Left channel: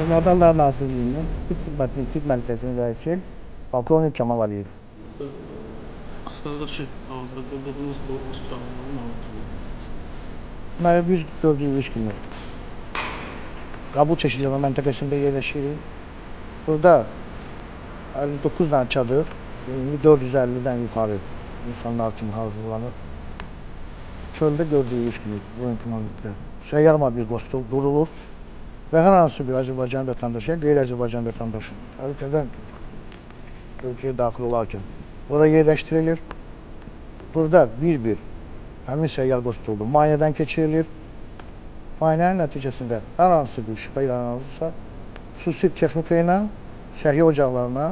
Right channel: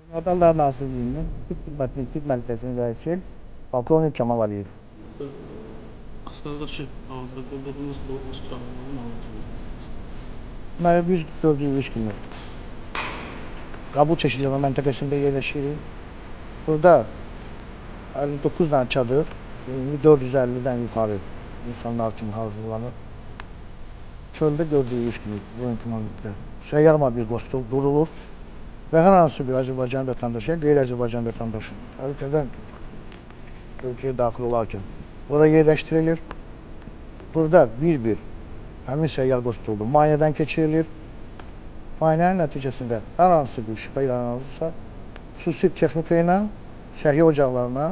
Adalar Nazirliyinin Türk Mərkəzinin rəisi Polkovnik Kamal Aliyev. Aslında ki, hazırda qurduğunuz bu hospitalın anlatılır. Deməli, biz gördüyünüz kimi qəbul çeşidlənmə məntəqəsində yerləşirik. Burada 59 dənə çadır, 450-dən yuxarı insanlar üçün hazırlanır. Çöldə gördüyünüz kimi bu imkanlıqda səyyar mobil qoşul qurulur və hər hansı bir Azərbaycan vətəndaşı, qeyri-Azərbaycan vətəndaşı ölkədən ölkəyə daxil olarkən ora yerləşdirilir. Burada bir-bir həmin səyyar qoşulda müayinədən keçirilir. Müayinənin nəticəsində hər hansı bir şübhə yaranırsa, xüsusi texnika ilə səhiyyə ocaqlarına